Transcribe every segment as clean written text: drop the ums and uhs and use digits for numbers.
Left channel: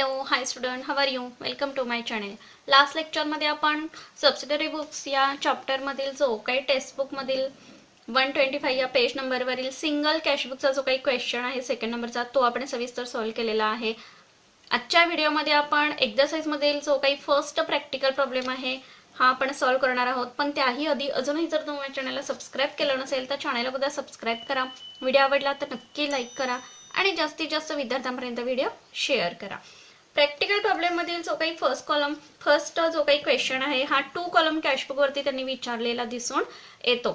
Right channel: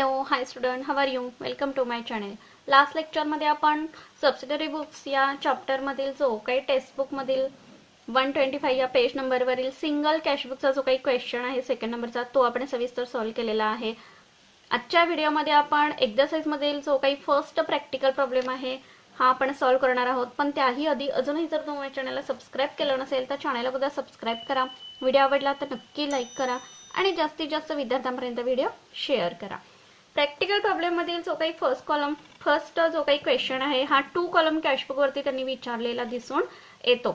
Hello hi student, how are you? Welcome to my channel. Last लेक्चरमध्ये आपण subsidiary books या चॅप्टरमधील जो काही टेक्स्टबुकमधील 125 या पेज नंबरवरील सिंगल कॅशबुकचा जो काही क्वेश्चन आहे सेकंड नंबरचा तो आपण सविस्तर सॉल्व्ह केलेला आहे. आजच्या व्हिडिओमध्ये आपण एक्झरसाइजमधील जो काही फर्स्ट प्रॅक्टिकल प्रॉब्लेम आहे हा आपण सॉल्व्ह करणार आहोत. पण त्याही आधी अजूनही जर तुम्ही माझ्या चॅनलला सबस्क्राईब केलं नसेल तर चॅनलला बघा सबस्क्राईब करा. व्हिडिओ आवडला तर नक्की लाईक करा आणि जास्तीत जास्त विद्यार्थ्यांपर्यंत व्हिडिओ शेअर करा. प्रॅक्टिकल प्रॉब्लेम मधील जो काही फर्स्ट जो काही क्वेश्चन आहे हा 2 कॉलम कॅशबुक वरती त्यांनी विचारलेला दिसून येतो.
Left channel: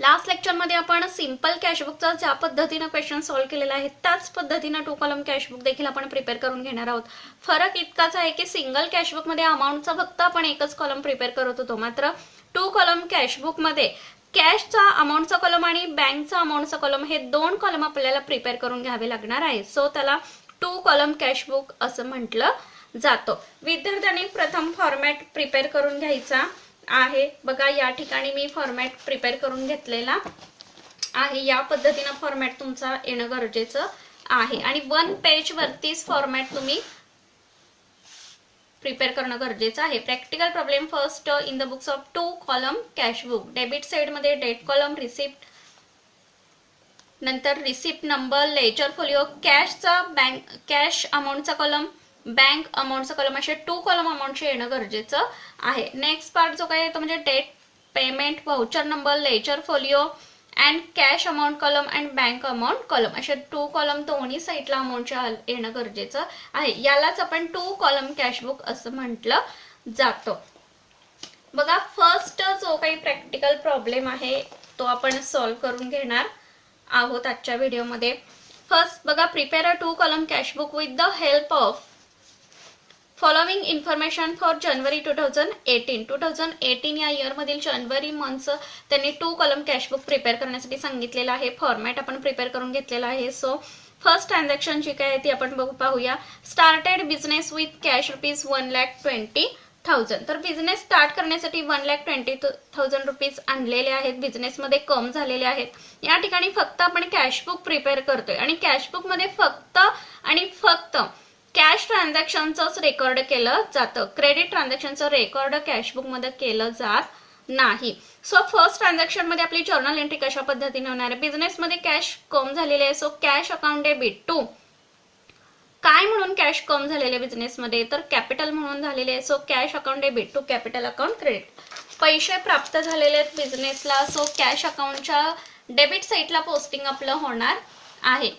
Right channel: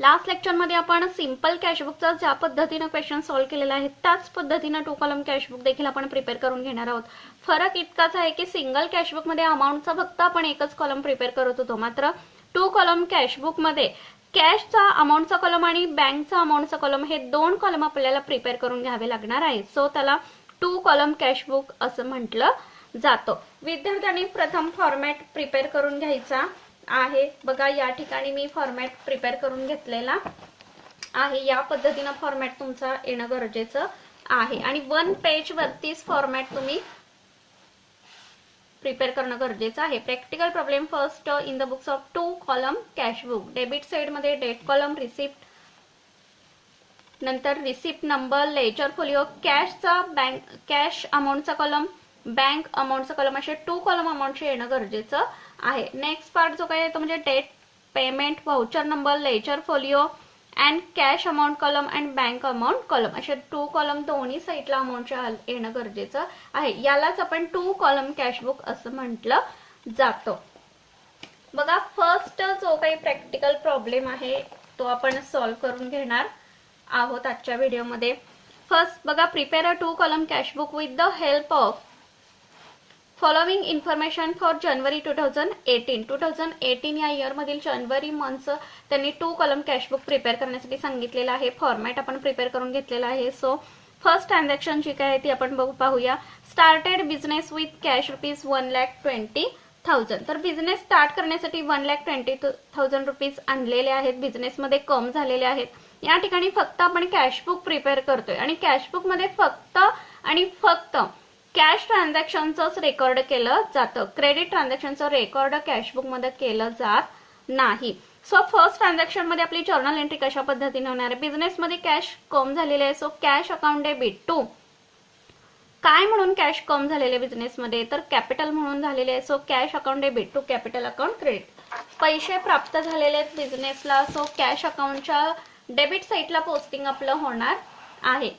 लास्ट लेक्चर मध्ये आपण सिंपल कॅशबुकचा ज्या पद्धतीने क्वेश्चन सॉल्व्ह केलेला आहे त्याच पद्धतीने 2 कॉलम कॅशबुक देखील आपण प्रिपेअर करून घेणार आहोत. फरक इतकाच आहे की सिंगल कॅशबुक मध्ये अमाउंटचा फक्त आपण एकच कॉलम प्रिपेअर करत होतो, मात्र 2 कॉलम कॅशबुक मध्ये कॅशचा अमाउंटचा कॉलम आणि बँकचा अमाउंटचा कॉलम हे 2 कॉलम आपल्याला प्रिपेअर करून घ्यावे लागणार आहे. सो त्याला 2 कॉलम कॅशबुक असं म्हटलं जातं. विद्यार्थ्यांनी प्रथम फॉर्मॅट प्रिपेअर करून घ्यायचा आहे. बघा या ठिकाणी मी फॉर्मॅट प्रिपेअर करून घेतलेला आहे. या पद्धतीने फॉर्मॅट तुमचा येणं गरजेचं आहे आणि 1 पेज वरतीच फॉर्मॅट तुम्ही प्रिपेअर करणं गरजेचं आहे. Practical problem first in the books of 2 column cashbook. Debit side मध्ये डेट कॉलम, रिसिप्ट, नंतर रिसिप्ट नंबर, लेजर फोलिओ, कॅशचा बँक कॅश अमाउंटचा कॉलम, बँक अमाउंटचा कॉलम असे 2 कॉलम अमाउंटचे येणं गरजेचं आहे. नेक्स्ट पार्ट जो काय तो म्हणजे date, payment, voucher number, ledger folio and cash amount column and bank amount column असे 2 कॉलम दोन्ही साईडला अमाउंटचे येणं गरजेचं आहे. यालाच आपण 2 कॉलम कॅशबुक असं म्हटलं जातं. बघा फर्स्ट जो काही प्रॅक्टिकल प्रॉब्लेम आहे तो आपण सॉल्व्ह करून घेणार आहोत आजच्या व्हिडिओमध्ये. फर्स्ट बघा, prepare a 2 column cashbook with the help of following information for January 2018. 2018 या इयर मधील जानेवारी मंथचं त्यांनी 2 कॉलम कॅशबुक प्रिपेअर करण्यासाठी सांगितलेलं आहे. फॉर्मॅट आपण प्रिपेअर करून घेतलेला आहे. सो फर्स्ट ट्रान्झॅक्शन जी काय आहे ती आपण पाहूया. Started business with cash rupees 1,20,000. तर बिझनेस स्टार्ट करण्यासाठी 1,20,000 रुपीज आणलेले आहेत, बिझनेसमध्ये कम झालेले आहेत. या ठिकाणी फक्त आपण कॅशबुक प्रिपेअर करतोय आणि कॅशबुक मध्ये फक्त कॅश ट्रान्झॅक्शनचंच रेकॉर्ड केलं जातं. क्रेडिट ट्रान्झॅक्शनचं रेकॉर्ड कॅशबुक मध्ये केलं जात नाही. सो फर्स्ट ट्रान्झॅक्शन मध्ये आपली जर्नल एंट्री कशा पद्धतीने होणार आहे. बिझनेस मध्ये कॅश कम झालेले आहे. So cash account debit to काय म्हणून कॅश कम झालेले बिझनेस मध्ये तर कॅपिटल म्हणून झालेले आहे. So cash account debit to capital account credit. पैसे प्राप्त झालेले आहेत बिझनेसला. सो कॅश अकाउंटच्या डेबिट साईडला पोस्टिंग आपलं होणार आहे.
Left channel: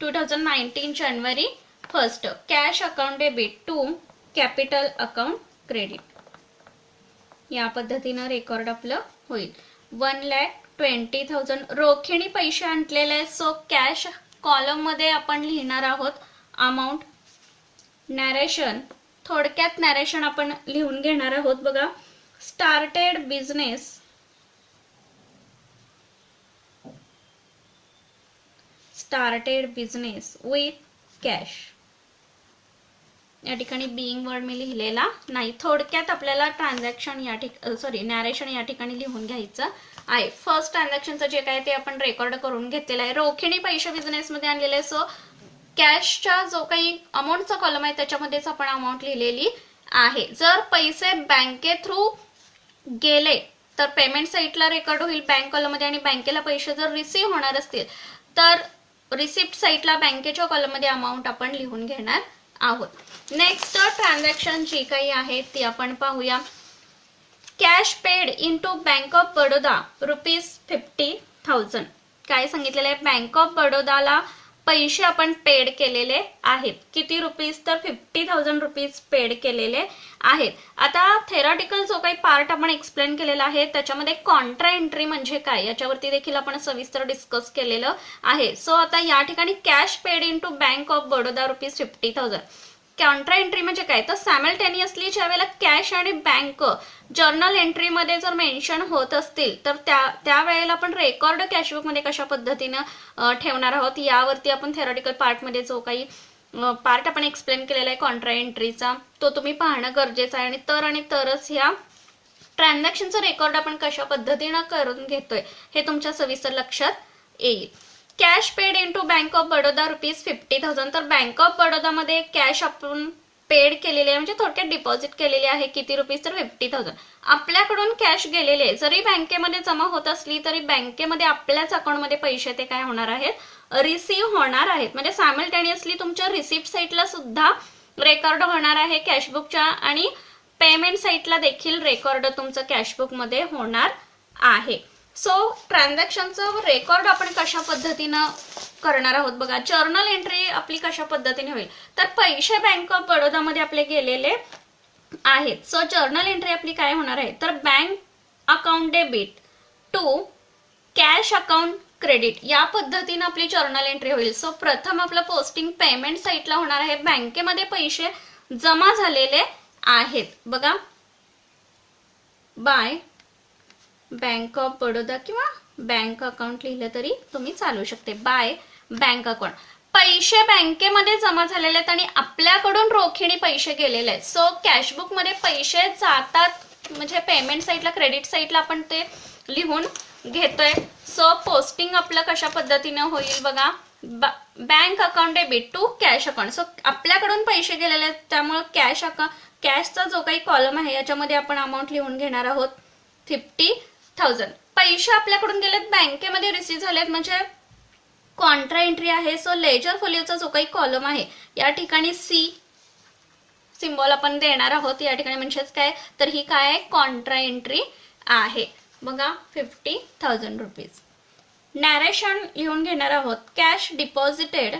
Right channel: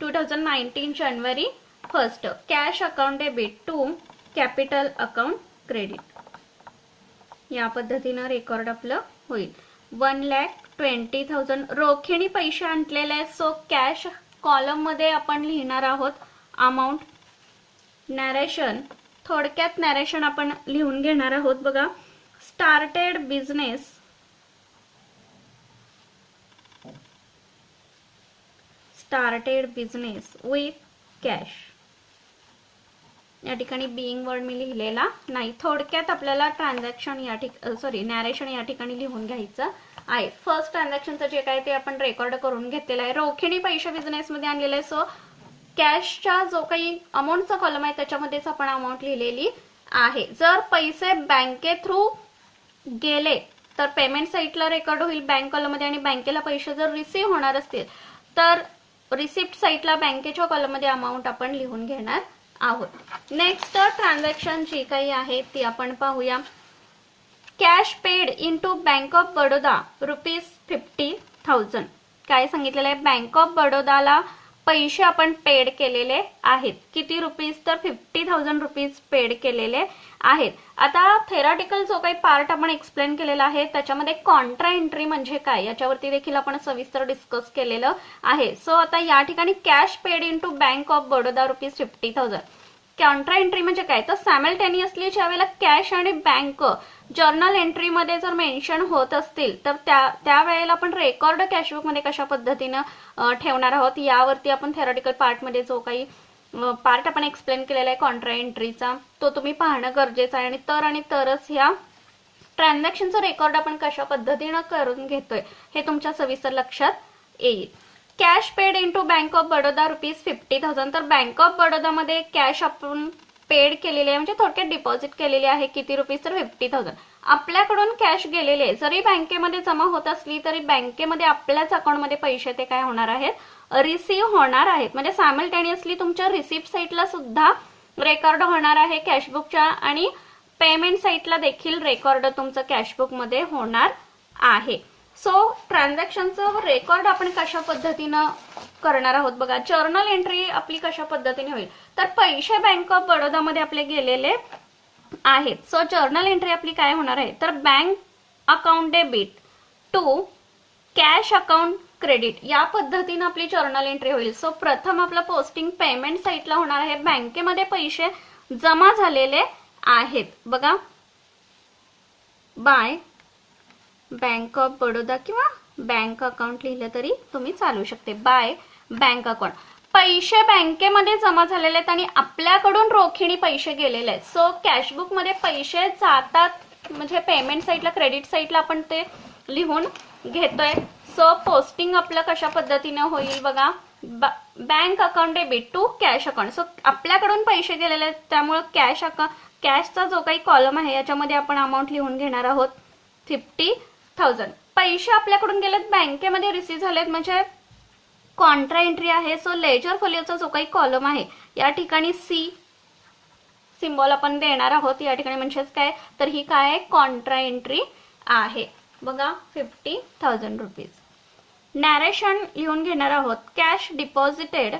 2019 जानेवारी 1 cash account debit to capital account credit. या पद्धतीनं रेकॉर्ड आपलं होईल. 1,20,000 रोखीने पैसे आणलेले आहेत. सो कॅश कॉलम मध्ये आपण लिहिणार आहोत अमाऊंट. नॅरेशन, थोडक्यात नॅरेशन आपण लिहून घेणार आहोत. बघा, स्टार्टेड बिझनेस विथ कॅश. या ठिकाणी बिईंग वर्ड मी लिहिलेला नाही. थोडक्यात आपल्याला ट्रान्झॅक्शन या ठिकाणी नॅरेशन या ठिकाणी लिहून घ्यायचं आहे. फर्स्ट ट्रान्झॅक्शनचं जे काय ते आपण रेकॉर्ड करून घेतलेलं आहे. रोखीने पैसे बिझनेस मध्ये आणलेले आहे. सो कॅशचा जो काही अमाऊंटचा कॉलम आहे त्याच्यामध्येच आपण अमाऊंट लिहिलेली आहे. जर पैसे बँके थ्रू गेले तर पेमेंट साईटला रेकॉर्ड होईल बँक कॉलम मध्ये आणि बँकेला पैसे जर रिसीव्ह होणार असतील तर रिसिप्ट साईटला बँकेच्या कॉलम मध्ये अमाऊंट आपण लिहून घेणार आहोत. नेक्स्ट ट्रान्झॅक्शन जी काही आहे ती आपण पाहूया. Cash paid in to bank of Baroda rupees 50,000. काय सांगितलेलं आहे, बँक ऑफ बडोदाला पैसे आपण पेड केलेले आहेत. किती रुपीज तर 50,000 रुपीज पेड केलेले आहेत. आता थेरॉटिकल जो काही पार्ट आपण एक्सप्लेन केलेला आहे त्याच्यामध्ये कॉन्ट्रा एंट्री म्हणजे काय याच्यावरती देखील आपण सविस्तर डिस्कस केलेलं आहे. सो आता या ठिकाणी cash paid in to bank of Baroda rupees 50,000. Entry एंट्री म्हणजे काय तर सायमल्टेनियसली ज्या वेळेला कॅश आणि बँक जर्नल एंट्री मध्ये जर मेन्शन होत असतील तर त्या वेळेला आपण रेकॉर्ड कॅशबुक मध्ये कशा पद्धतीनं ठेवणार आहोत यावरती आपण थेरॉटिकल पार्ट मध्ये जो काही पार्ट आपण एक्सप्लेन केलेला आहे कॉन्ट्रा एंट्रीचा तो तुम्ही पाहणं गरजेचं आहे. आणि तरच ह्या ट्रान्झॅक्शनचं रेकॉर्ड आपण कशा पद्धतीनं करून घेतोय हे तुमच्या सविस्तर लक्षात येईल. Cash paid into bank of Baroda ₹50,000. तर बँक ऑफ बडोदामध्ये कॅश आपण पेड केलेली आहे, म्हणजे थोडक्यात डिपॉझिट केलेली आहे. किती रुपीज? तर 50,000. आपल्याकडून कॅश गेलेले आहे, जरी बँकेमध्ये जमा होत असली तरी बँकेमध्ये आपल्याच अकाउंटमध्ये पैसे ते काय होणार आहेत? रिसीव्ह होणार आहेत. म्हणजे सायमल्टेनियसली तुमच्या रिसिप्ट साईटला सुद्धा रेकॉर्ड होणार आहे कॅशबुकच्या, आणि पेमेंट साईटला देखील रेकॉर्ड तुमचं कॅशबुकमध्ये होणार आहे. सो ट्रान्झॅक्शनचं रेकॉर्ड आपण कशा पद्धतीनं करणार आहोत बघा. जर्नल एंट्री आपली कशा पद्धतीने होईल? तर पैसे बँक ऑफ बडोदामध्ये आपले गेलेले आहेत. सो जर्नल एंट्री आपली काय होणार आहे? तर bank account debit to cash account credit, या पद्धतीने आपली जर्नल एंट्री होईल. सो प्रथम आपलं पोस्टिंग पेमेंट साईटला होणार आहे. बँकेमध्ये पैसे जमा झालेले आहेत बघा, बाय बँक ऑफ बडोदा किंवा बँक अकाउंट लिहिलं तरी तुम्ही चालू शकते. बाय बँक अकाउंट, पैसे बँकेमध्ये जमा झालेले आहेत आणि आपल्याकडून रोखीने पैसे गेलेले आहेत. सो कॅशबुकमध्ये पैसे जातात, म्हणजे पेमेंट साईटला, क्रेडिट साईटला आपण ते लिहून घेतोय. सो पोस्टिंग आपलं कशा पद्धतीनं होईल बघा, bank account debit to cash account. So आपल्याकडून पैसे गेलेले आहेत, त्यामुळे कॅशचा जो काही कॉलम आहे याच्यामध्ये आपण अमाऊंट लिहून घेणार आहोत 50,000. पैसे आपल्याकडून गेलेत, बँकेमध्ये रिसीव्ह झालेत, म्हणजे कॉन्ट्रा एंट्री आहे. सो लेजर फोलिओचा जो काही कॉलम आहे या ठिकाणी सी सिम्बॉल आपण देणार आहोत या ठिकाणी, म्हणजेच काय, तर ही काय आहे? कॉन्ट्रा एंट्री आहे बघा, 50,000 रुपीज. नॅरेशन लिहून घेणार आहोत, cash deposited,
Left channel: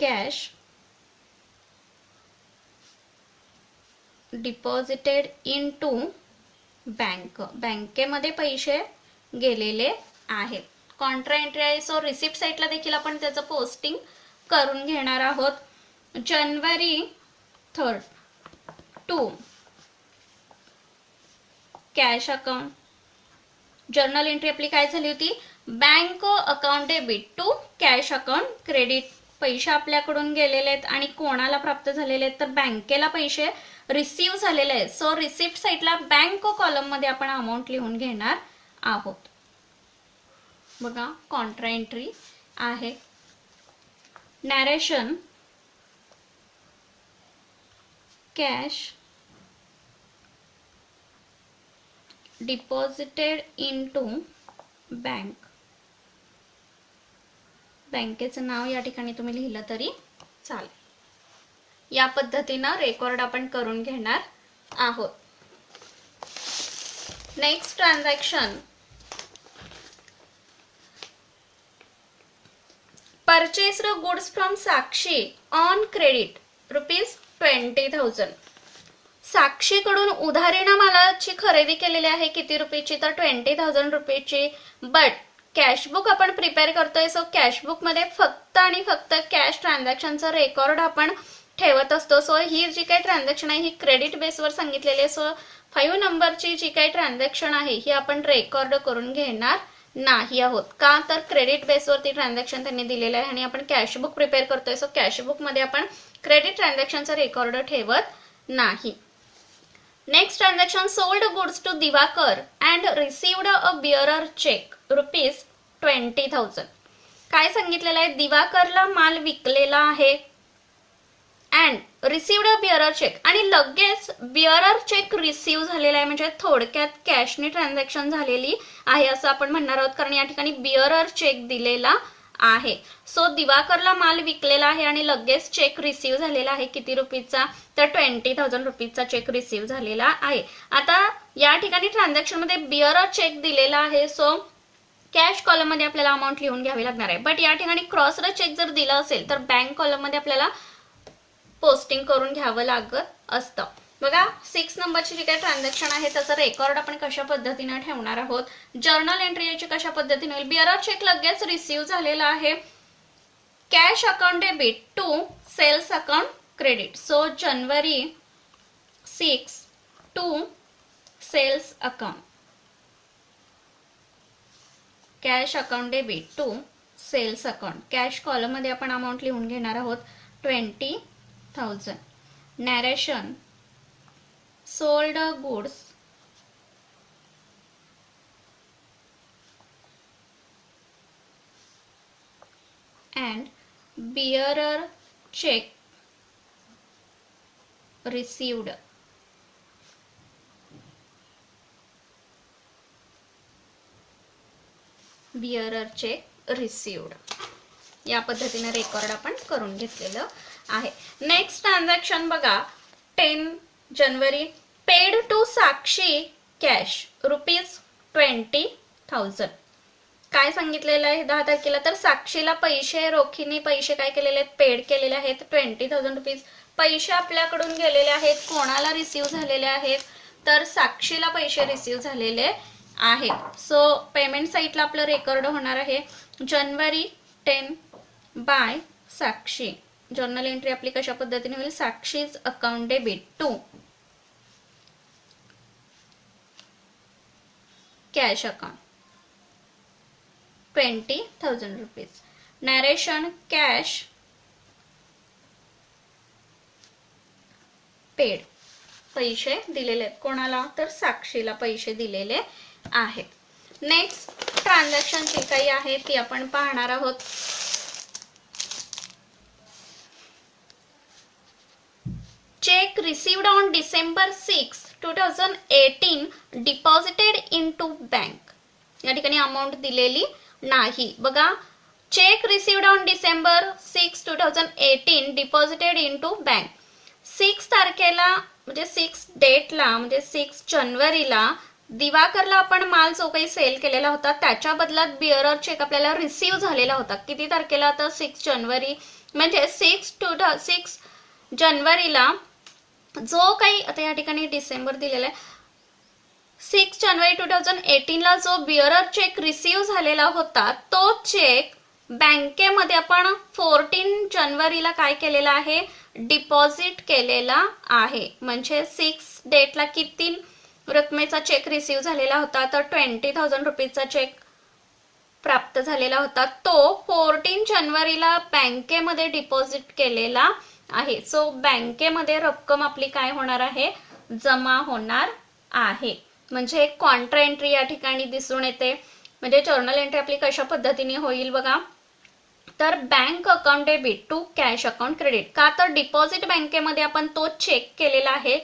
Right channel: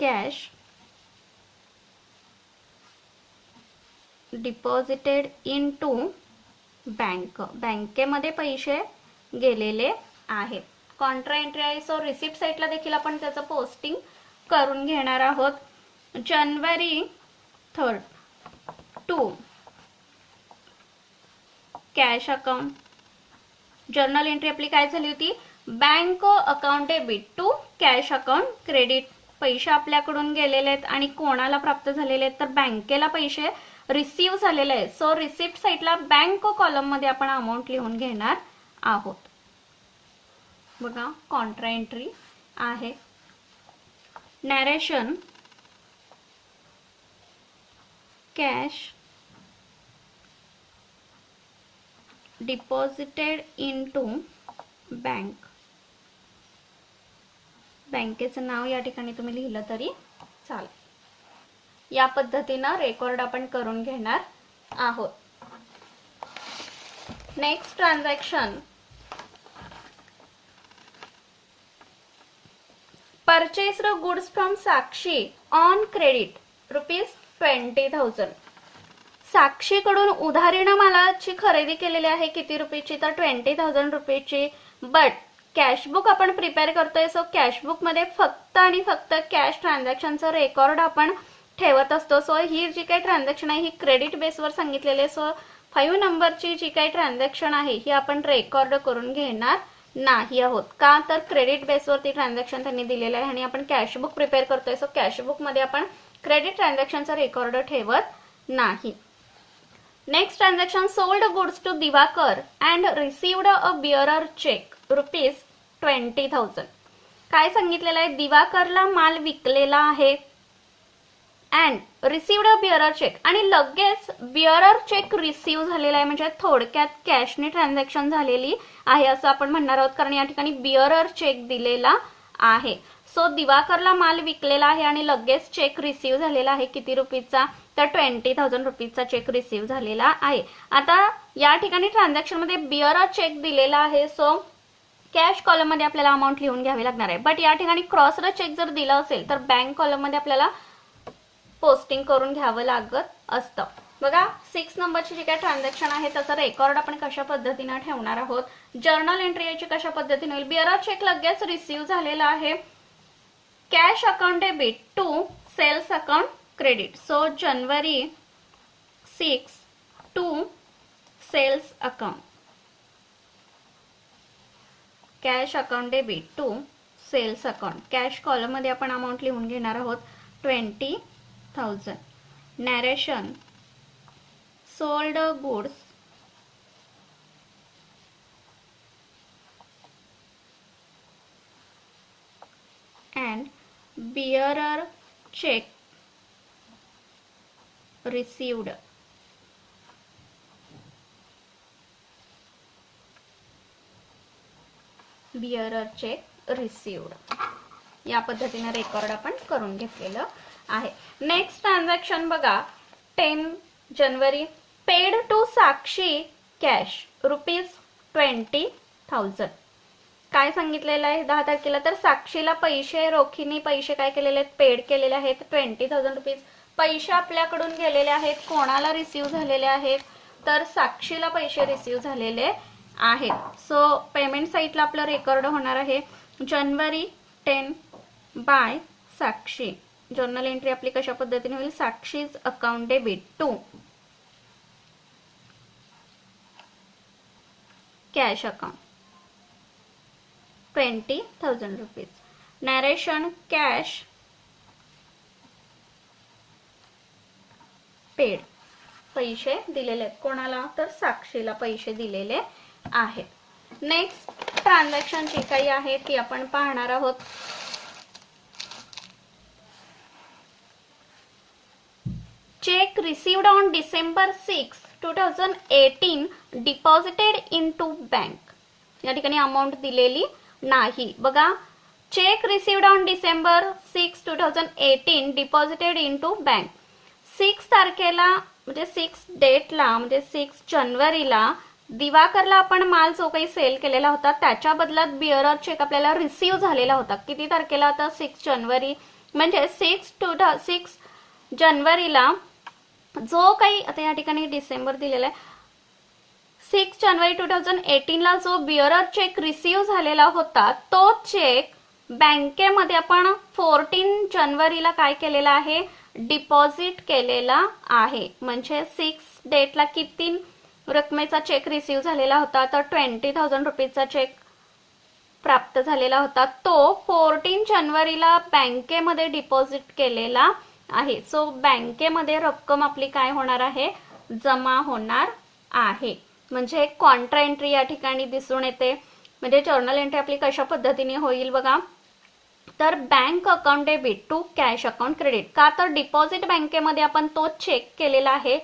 cash deposited in to bank, बँकेमध्ये पैसे गेलेले आहेत. कॉन्ट्रा एंट्री आहे. सो रिसिप्ट साईटला देखील आपण त्याचं पोस्टिंग करून घेणार आहोत. जानेवारी 3 to cash account, journal entry आपली काय झाली होती? Bank account debit to cash account credit. पैसे आपल्याकडून गेलेले आहेत आणि कोणाला प्राप्त झालेले आहेत? तर बँकेला पैसे रिसीव्ह झालेले आहेत. सो रिसिप्ट साईटला बँक कॉलम मध्ये आपण अमाऊंट लिहून घेणार आहोत बघा, कॉन्ट्रा एंट्री आहे. Narration, cash deposited in to bank, बँकेचं नाव या ठिकाणी तुम्ही लिहिलं तरी चालेल. या पद्धतीनं रेकॉर्ड आपण करून घेणार आहोत. Next transaction, purchased goods from Sakshi on credit ₹20,000. साक्षीकडून उधारीनं मालाची खरेदी केलेली आहे. किती रुपयाची? तर 20,000 रुपयाची. बट कॅशबुक आपण प्रिपेअर करतोय. सो कॅशबुक मध्ये फक्त आणि फक्त कॅश ट्रान्झॅक्शनचं रेकॉर्ड आपण ठेवत असतो. सो ही जी काही ट्रान्झॅक्शन आहे ही क्रेडिट बेसवर सांगितलेली आहे. सो 5 नंबरची जी काही ट्रान्झॅक्शन आहे ही आपण रेकॉर्ड करून घेणार नाही आहोत. का? तर क्रेडिट बेसवरती ट्रान्झॅक्शन त्यांनी दिलेलं आहे आणि आपण कॅशबुक प्रिपेअर करतोय. सो कॅशबुक मध्ये आपण क्रेडिट ट्रान्झॅक्शनचा रेकॉर्ड ठेवत नाही. Next transaction, sold goods to Diwakar and received a bearer cheque ₹20,000. काय सांगितलेलं आहे? दिवाकरला माल विकलेला आहे and received a bearer cheque, आणि लगेच बिअरर चेक रिसीव्ह झालेला आहे. म्हणजे थोडक्यात कॅशने ट्रान्झॅक्शन झालेली आहे असं आपण म्हणणार आहोत, कारण या ठिकाणी बिअरर चेक दिलेला आहे. सो दिवाकरला माल विकलेला आहे आणि लगेच चेक रिसीव्ह झालेला आहे. किती रुपीचा? तर 20,000 रुपीजचा चेक रिसीव्ह झालेला आहे. आता या ठिकाणी ट्रान्झॅक्शन मध्ये बिअरर चेक दिलेला आहे. सो कॅश कॉलम मध्ये आपल्याला अमाऊंट लिहून घ्यावी लागणार आहे. बट या ठिकाणी क्रॉस्ड चेक जर दिला असेल तर बँक कॉलम मध्ये आपल्याला पोस्टिंग करून घ्यावं लागत असतं बघा. 6 नंबरची जी काही ट्रान्झॅक्शन आहे त्याचा रेकॉर्ड आपण कशा पद्धतीने ठेवणार आहोत. जर्नल एंट्री याची कशा पद्धतीने होईल? बिअरर चेक लगेच रिसीव्ह झालेला आहे. Cash account debit to sales account credit. So जानेवारी 6 to sales account, cash account debit to sales account. Cash column मध्ये आपण अमाऊंट लिहून घेणार आहोत 20,000. Narration, sold goods and bearer check received. bearer check received. या पद्धतीने रेकॉर्ड आपण करून घेतलेलं आहे. नेक्स्ट ट्रान्झॅक्शन बघा, 10 जानेवारी पेड टू साक्षी कॅश ₹20,000. काय सांगितलेलं आहे 10 तारखेला, तर साक्षीला पैसे रोखीने पैसे काय केलेले आहेत, पेड केलेले आहेत ₹20,000. पैसे आपल्याकडून गेलेले आहेत, कोणाला रिसीव्ह झालेले आहेत, तर साक्षीला पैसे रिसीव्ह झालेले आहेत. सो पेमेंट साईटला आपलं रेकॉर्ड होणार आहे January 10 by Sakshi. Journal entry आपली कशा पद्धतीने होईल, Sakshi's account debit to cash account ₹20,000. Narration cash paid, पैसे दिलेले आहेत कोणाला, तर साक्षीला पैसे दिलेले आहेत. नेक्स्ट ट्रान्झॅक्शन जी काही आहे ती आपण पाहणार आहोत. Cheque received on December 6, 2018 deposited in to bank. या ठिकाणी अमाऊंट दिलेली नाही. बघा, cheque received on December 6, 2018 deposited in to bank. 6 तारखेला म्हणजे 6 डेटला म्हणजे 6 जानेवारीला दिवाकरला आपण माल जो काही सेल केलेला होता त्याच्या बदल्यात बिअरर चेक आपल्याला रिसीव्ह झालेला होता. किती तारखेला, तर 6 जानेवारी म्हणजे 6 जानेवारीला जो काही, आता या ठिकाणी डिसेंबर दिलेला आहे, 6 जानेवारी 2018 ला जो बिअरर चेक रिसीव्ह झालेला होता तो चेक बँकेमध्ये आपण 14 जानेवारीला काय केलेला आहे, डिपॉझिट केलेला आहे. म्हणजे 6 डेटला किती रकमेचा चेक रिसीव्ह झालेला होता, तर ₹20,000 चेक प्राप्त झालेला होता. तो 14 जानेवारीला बँकेमध्ये डिपॉझिट केलेला आहे. सो बँकेमध्ये रक्कम आपली काय होणार आहे, जमा होणार आहे. म्हणजे कॉन्ट्रा एंट्री या ठिकाणी दिसून येते. म्हणजे जर्नल एंट्री आपली कशा पद्धतीने होईल बघा, तर bank account debit to cash account credit. का, तर डिपॉझिट बँकेमध्ये आपण तो चेक केलेला आहे.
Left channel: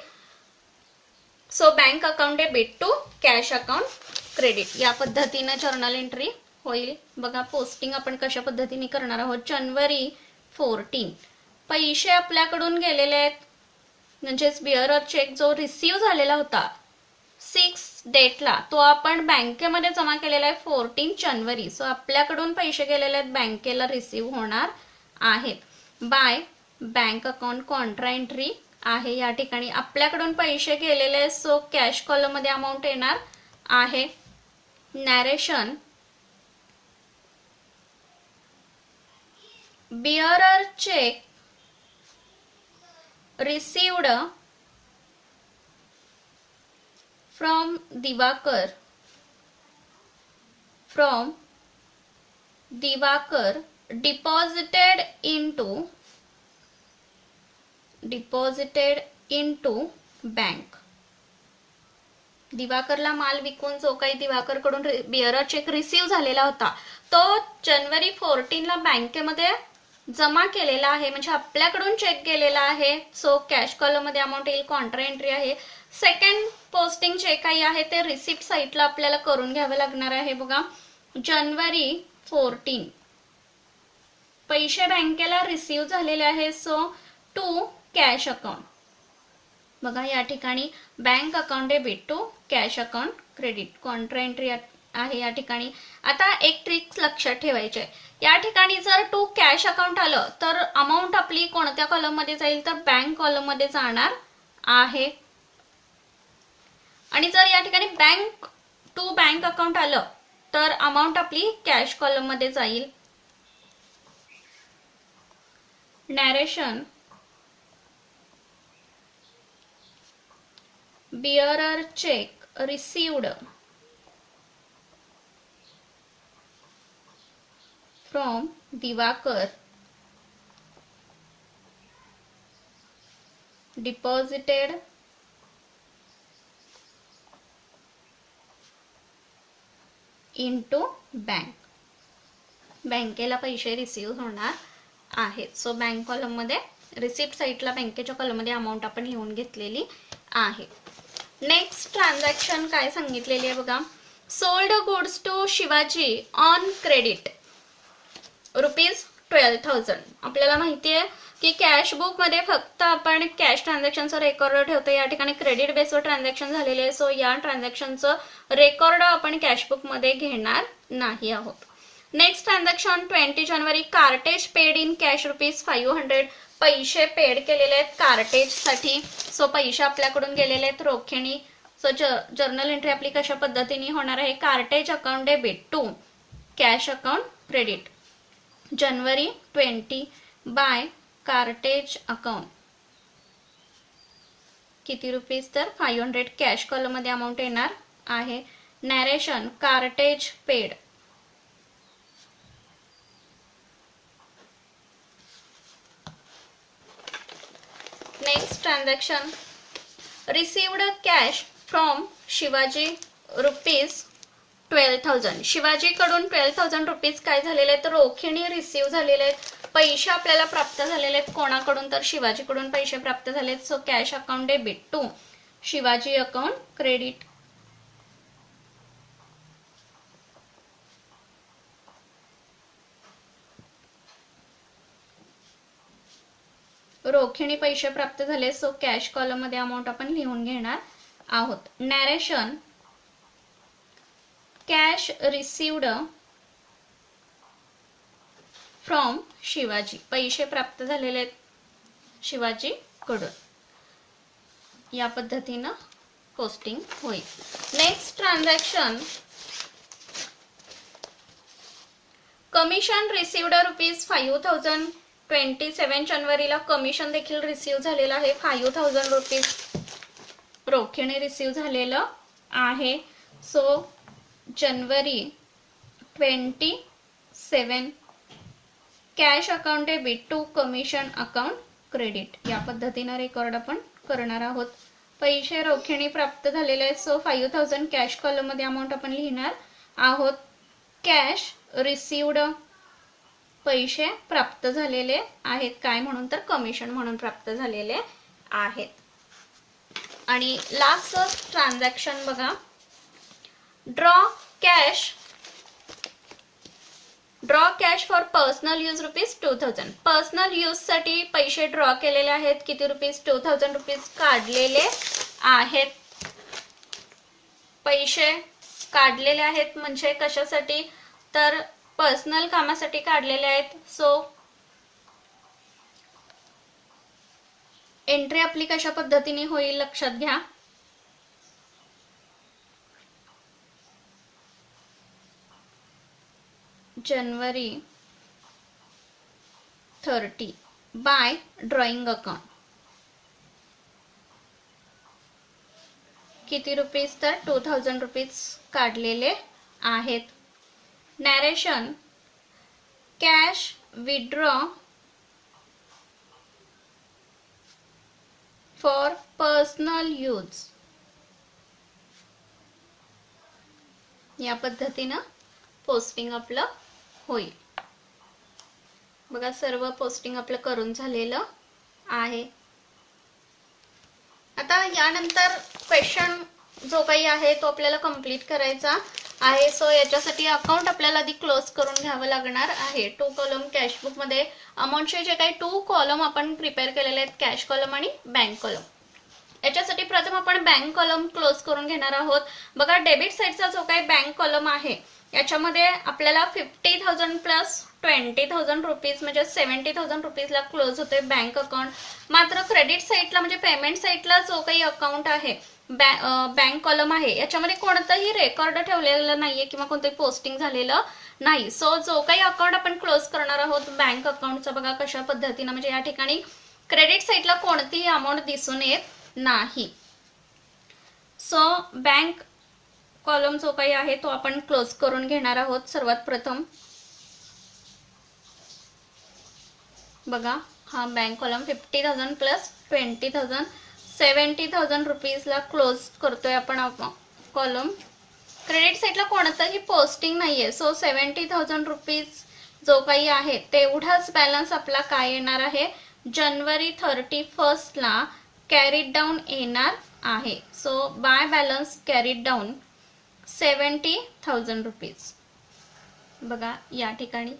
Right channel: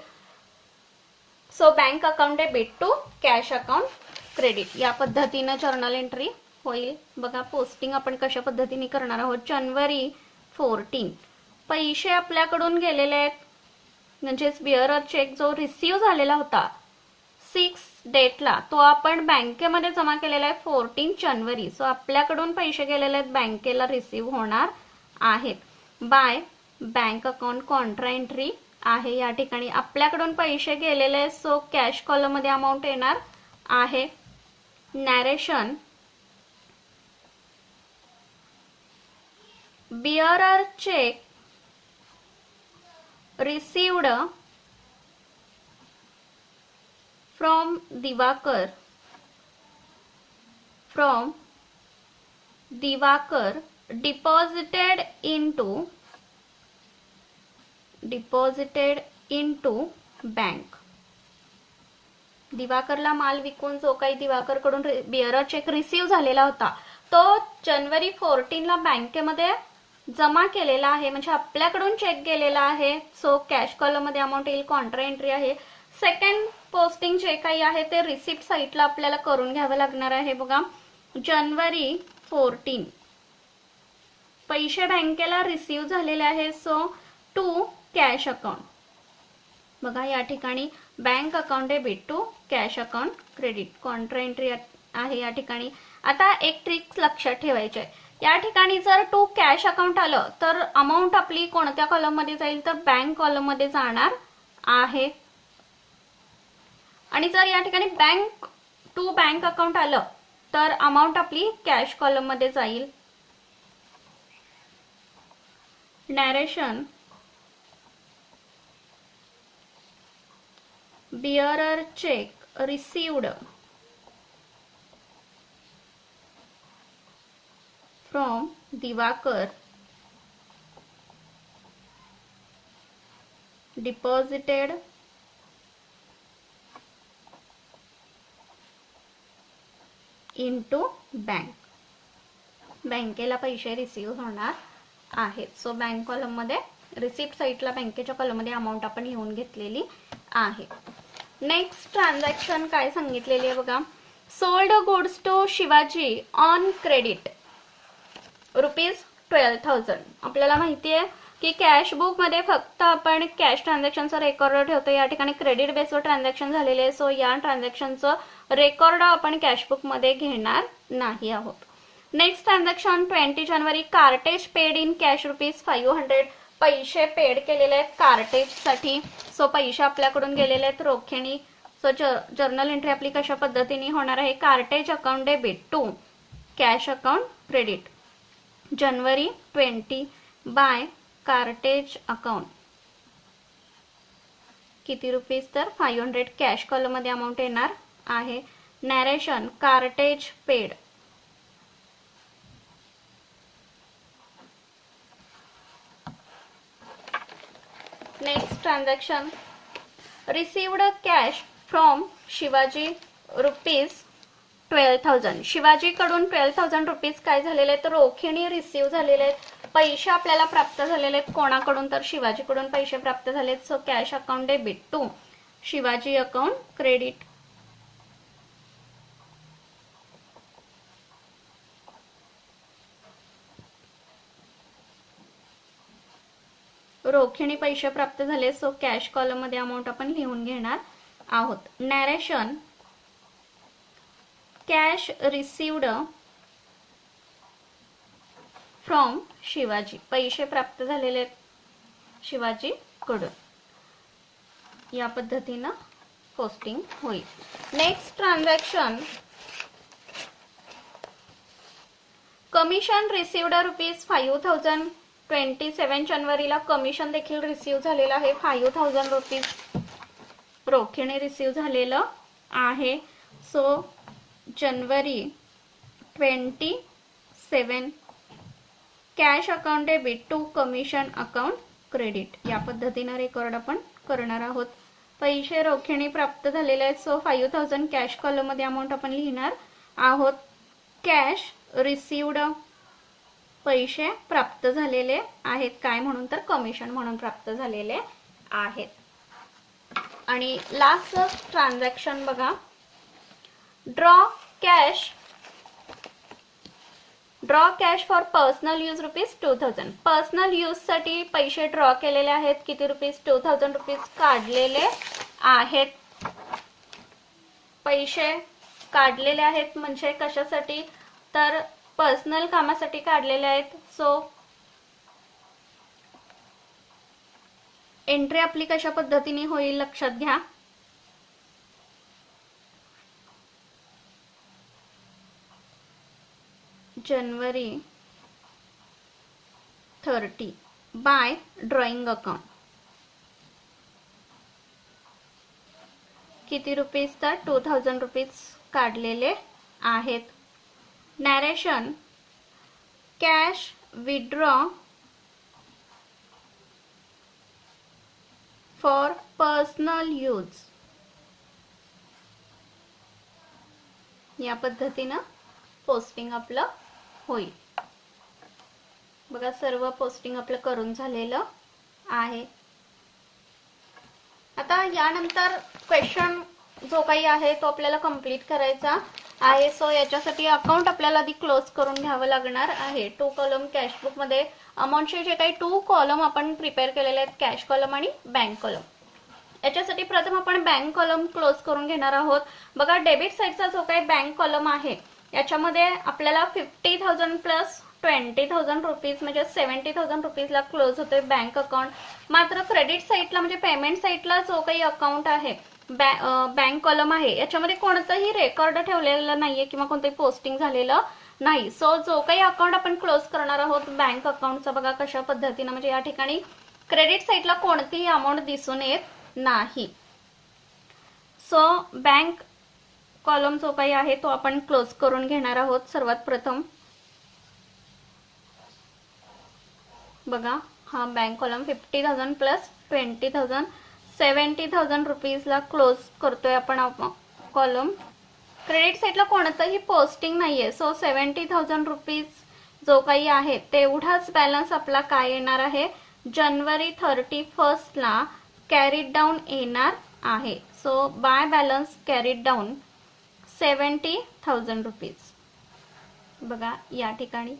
So bank account debit to cash account credit या पद्धतीने जर्नल एंट्री होईल. बघा, पोस्टिंग आपण कशा पद्धतीने करणार आहोत. जानेवारी 14 पैसे आपल्याकडून गेलेले आहेत, म्हणजेच बिअरर चेक जो रिसीव्ह झालेला होता 6 डेटला तो आपण बँकेमध्ये जमा केलेला आहे 14 जानेवारी. सो आपल्याकडून पैसे गेलेले आहेत, बँकेला रिसीव्ह होणार आहेत. By bank account contra entry आहे. या ठिकाणी आपल्याकडून पैसे गेलेले आहेत, सो कॅश कॉलम मध्ये अमाऊंट येणार आहे. Narration bearer cheque received from Diwakar deposited into bank. दिवाकरला माल विकून जो काही दिवाकरकडून बिअरर चेक रिसीव्ह झालेला होता तो जानेवारी 14 ला बँकेमध्ये जमा केलेला आहे. म्हणजे आपल्याकडून चेक गेलेला आहे. सो कॅश कॉलम मध्ये अमाऊंट येईल, कॉन्ट्रा एंट्री आहे. सेकंड पोस्टिंग जे काही आहे ते रिसिप्ट साईटला आपल्याला करून घ्यावं लागणार आहे. बघा, जानेवारी 14 पैसे बँकेला रिसीव्ह झालेले आहे. So to cash account. बघा, या ठिकाणी bank account debit to cash account credit contra entry आहे या ठिकाणी. आता एक ट्रिक लक्षात ठेवायची आहे. या ठिकाणी जर टू कॅश अकाउंट आलं तर अमाऊंट आपली कोणत्या कॉलम मध्ये जाईल, तर बँक कॉलम मध्ये जाणार आहे. आणि जर या ठिकाणी बँक अकाउंट आलं तर अमाऊंट आपली कॅश कॉलम मध्ये जाईल. Narration bearer check received from Divakar deposited into bank. बँकेला पैसे रिसीव्ह होणार आहेत. सो बँक कॉलममध्ये रिसिप्ट साईडला बँकेच्या कॉलममध्ये अमाऊंट आपण लिहून घेतलेली आहे. नेक्स्ट ट्रान्झॅक्शन काय सांगितलेली आहे बघा. Sold goods to Shivaji on credit ₹12,000. आपल्याला माहिती आहे की कॅश बुक मध्ये फक्त आपण कॅश ट्रान्झॅक्शनचा रेकॉर्ड ठेवतो. या ठिकाणी क्रेडिट बेसवर ट्रान्झॅक्शन झालेले आहे. सो या ट्रान्झॅक्शनचं रेकॉर्ड आपण कॅश बुक मध्ये घेणार नाही आहोत. नेक्स्ट ट्रान्झॅक्शन 20 जानेवारी कार्टेज पेड इन कॅश ₹500. पैसे पेड केलेले आहेत कार्टेज साठी. सो पैसे आपल्याकडून गेलेले आहेत रोखीने. सो जर्नल एंट्री आपली कशा पद्धतीने होणार आहे. Cartage account debit to cash account credit January 20 by cartage account. किती रुपीज तर 500 कॅश कॉलम मध्ये अमाऊंट येणार आहे. Narration cartage paid. Next transaction received cash from Shivaji ₹12,000. शिवाजीकडून ₹12,000 काय झालेले आहेत रोखीने रिसीव्ह झालेले आहेत. पैसे आपल्याला प्राप्त झालेले आहेत कोणाकडून तर शिवाजीकडून पैसे प्राप्त झालेत. So cash account debit to Shivaji account credit. रोखीने पैसे प्राप्त झाले. सो कॅश कॉलम मध्ये अमाऊंट आपण लिहून घेणार आहोत. Narration cash received from Shivaji. पैसे प्राप्त झालेले आहेत शिवाजी कडून. या पद्धतीनं पोस्टिंग होईल. Next transaction commission received ₹5,000. 27 जानेवारीला कमिशन देखील रिसीव्ह झालेलं आहे. ₹5,000 रोखीने रिसीव्ह झालेलं आहे. So January 27 cash account debit to commission account credit. या पद्धतीने रेकॉर्ड आपण करणार आहोत. पैसे रोखीने प्राप्त झालेले आहेत. सो 5,000 कॅश कॉलम मध्ये अमाऊंट आपण लिहिणार आहोत. कॅश रिसिव्ड पैसे प्राप्त झालेले आहेत काय म्हणून तर कमिशन म्हणून प्राप्त झालेले आहेत. आणि लास्ट ट्रान्झॅक्शन बघा. Draw cash for personal use ₹2,000. Personal use साठी पैसे ड्रॉ केलेले आहेत. किती ₹2,000 काढलेले आहेत. पैसे काढलेले आहेत म्हणजे कशासाठी तर पर्सनल कामासाठी काढलेले आहेत. सो एंट्री आपली कशा पद्धतीने होईल लक्षात घ्या. January 30 bye drawing account. किती रुपीज तर ₹2,000 काढलेले आहेत. Narration cash withdraw for personal use. या पद्धतीनं पोस्टिंग आपलं होईल. बघा सर्व पोस्टिंग आपलं करून झालेलं आहे. आता यानंतर क्वेश्चन जो काही आहे तो आपल्याला कंप्लीट करायचा आहे. सो याच्यासाठी अकाउंट आपल्याला आधी क्लोज करून घ्यावं लागणार आहे. 2 कॉलम कॅश बुक मध्ये अमाऊंटचे जे काही 2 कॉलम आपण प्रिपेअर केलेले आहेत कॅश कॉलम आणि बँक कॉलम. याच्यासाठी प्रथम आपण बँक कॉलम क्लोज करून घेणार आहोत. बघा डेबिट साईडचा जो काही बँक कॉलम आहे याच्यामध्ये आपल्याला 50,000 प्लस ₹20,000 म्हणजे ₹70,000 ला क्लोज होतोय बँक अकाउंट. मात्र क्रेडिट साईडला म्हणजे पेमेंट साईडला जो काही अकाउंट आहे बँक कॉलम आहे याच्यामध्ये कोणतंही रेकॉर्ड ठेवलेलं नाहीये किंवा कोणतंही पोस्टिंग झालेलं नाही. सो जो काही अकाउंट आपण क्लोज करणार आहोत बँक अकाउंटचा बघा कशा पद्धतीनं म्हणजे या ठिकाणी क्रेडिट साईडला कोणतीही अमाऊंट दिसून येत नाही. सो बँक कॉलम जो काही आहे तो आपण क्लोज करून घेणार आहोत. सर्वात प्रथम बघा हा बँक कॉलम 50,000 प्लस 20,000 ₹70,000 ला क्लोज करतोय आपण कॉलम. क्रेडिट साईडला कोणतंही पोस्टिंग नाहीये. सो ₹70,000 जो काही आहे तेवढाच बॅलन्स आपला काय येणार आहे, जानेवारी 31 ला कॅरीड डाऊन येणार आहे. So by balance carried down 70,000 rupees. बघा या ठिकाणी.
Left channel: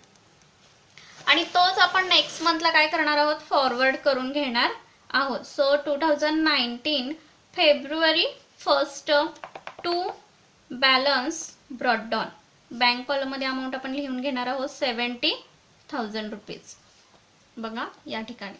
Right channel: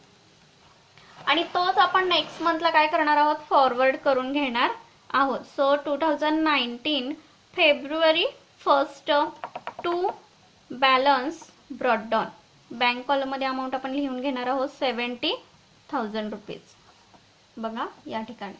आणि तोच आपण नेक्स्ट मंथला काय करणार आहोत, फॉरवर्ड करून घेणार आहोत. सो 2019 फेब्रुवारी 1 to balance brought down. Bank कॉलममध्ये अमाऊंट आपण लिहून घेणार आहोत 70,000 रुपीज. बघा या ठिकाणी.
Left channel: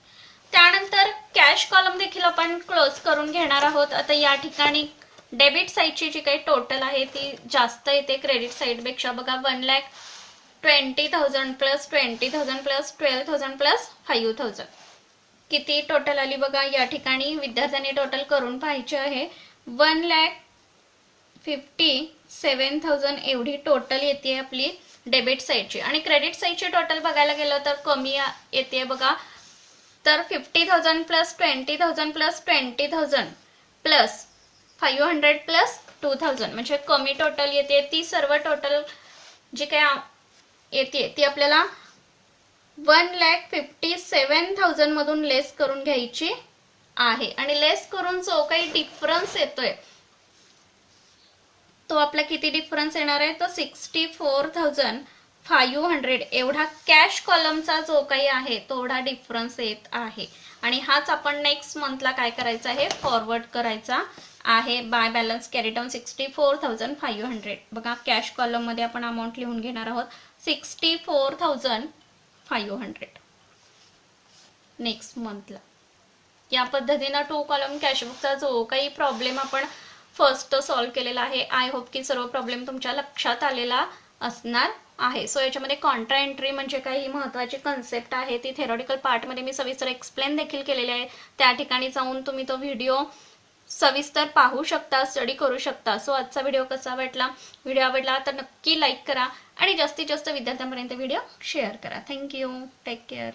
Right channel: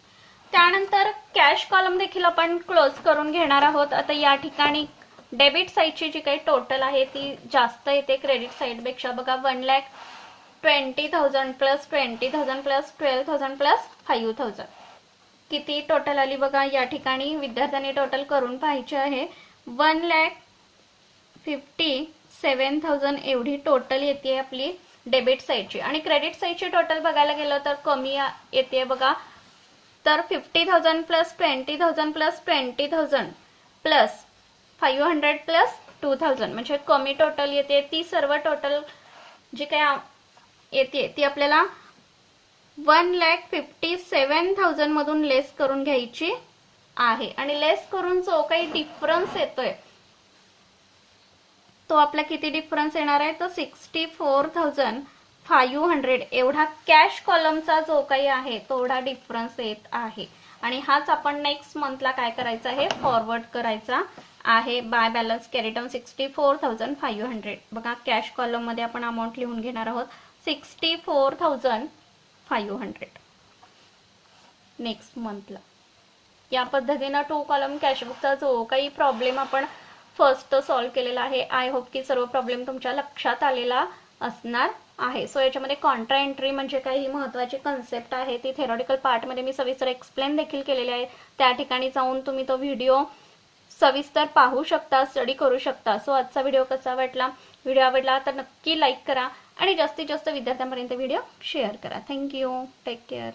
त्यानंतर कॅश कॉलम देखील आपण क्लोज करून घेणार आहोत. आता या ठिकाणी डेबिट साईडची जी काही टोटल आहे ती जास्त येते क्रेडिट साईडपेक्षा. बघा 1,20,000 प्लस 20,000 प्लस 12,000 प्लस 5,000 किती टोटल आली बघा. या ठिकाणी विद्यार्थ्यांनी टोटल करून पाहायचे आहे. 1,57,000 एवढी टोटल येते आपली डेबिट साईडची. आणि क्रेडिट साईडची टोटल बघायला गेलं तर कमी येते बघा. तर 50,000 प्लस 20,000 प्लस 20,000 प्लस 500 प्लस 2,000 म्हणजे कमी टोटल येते. ती सर्व टोटल जी काय येते ती आपल्याला 1,57,000 मधून लेस करून घ्यायची आहे. आणि लेस करून जो काही डिफरन्स येतोय तो आपला किती डिफरन्स येणार आहे, तर 64,500 एवढा कॅश कॉलमचा जो काही आहे तेवढा डिफरन्स येत आहे. आणि हाच आपण नेक्स्ट मंथला काय करायचा आहे, फॉरवर्ड करायचा आहे. By balance carry down 64,500. बघा कॅश कॉलम मध्ये आपण अमाऊंट लिहून घेणार आहोत 64,500 नेक्स्ट मंथला. या पद्धतीने 2 कॉलम कॅशबुकचा जो काही प्रॉब्लेम आपण फर्स्ट सॉल्व्ह केलेला आहे. आय होप की सर्व प्रॉब्लेम तुमच्या लक्षात आलेला असणार आहे. सो याच्यामध्ये कॉन्ट्रा एंट्री म्हणजे काही महत्त्वाची कन्सेप्ट आहे ती थेरॉटिकल पार्टमध्ये मी सविस्तर एक्सप्लेन देखील केलेली आहे. त्या ठिकाणी जाऊन तुम्ही तो व्हिडिओ सविस्तर पाहू शकता, स्टडी करू शकता. सो आजचा व्हिडिओ कसा वाटला, व्हिडिओ आवडला तर नक्की लाईक करा आणि जास्तीत जास्त विद्यार्थ्यांपर्यंत व्हिडिओ शेअर करा. थँक्यू. Take care.